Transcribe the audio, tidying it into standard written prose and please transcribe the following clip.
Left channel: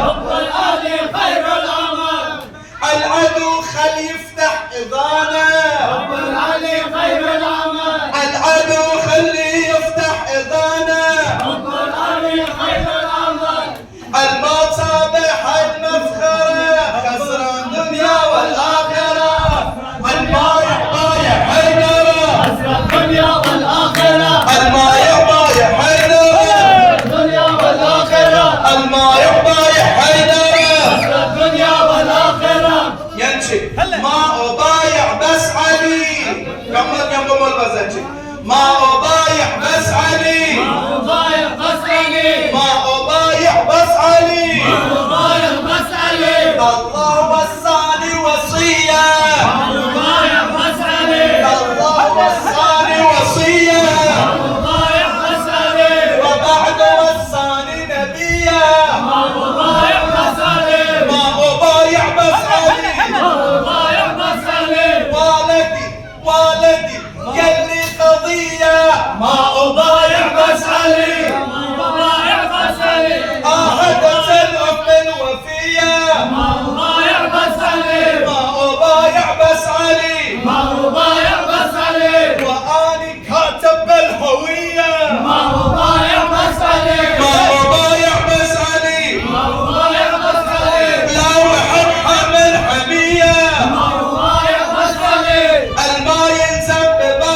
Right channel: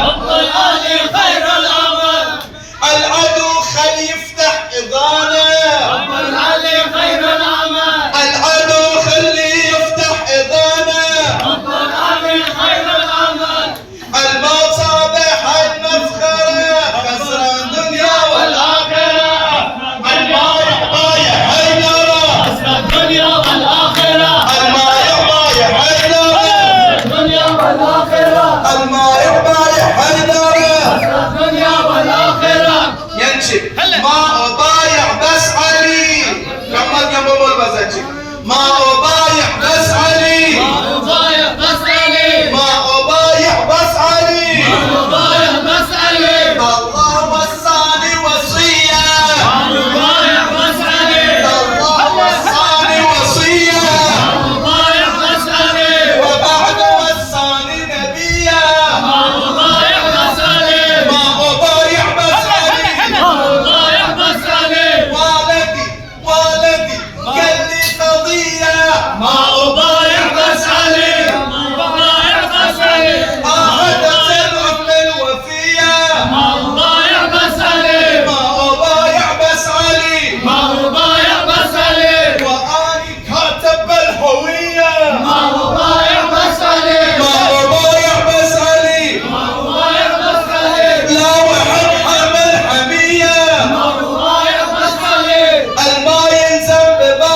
حب العلي خير العمل. العدو خل يفتح إضانة. حب العلي خير العمل. العدو خلي يفتح إضانة. حب العلي خير العمل. الموت صابح المفخرة خسران دنيا والآخرة. المايح بايع حيدرة خسر الدنيا والآخرة. المايح بايع حيدرة الدنيا والآخرة. المايح بايع حيدرة خسر الدنيا والآخرة. ينشب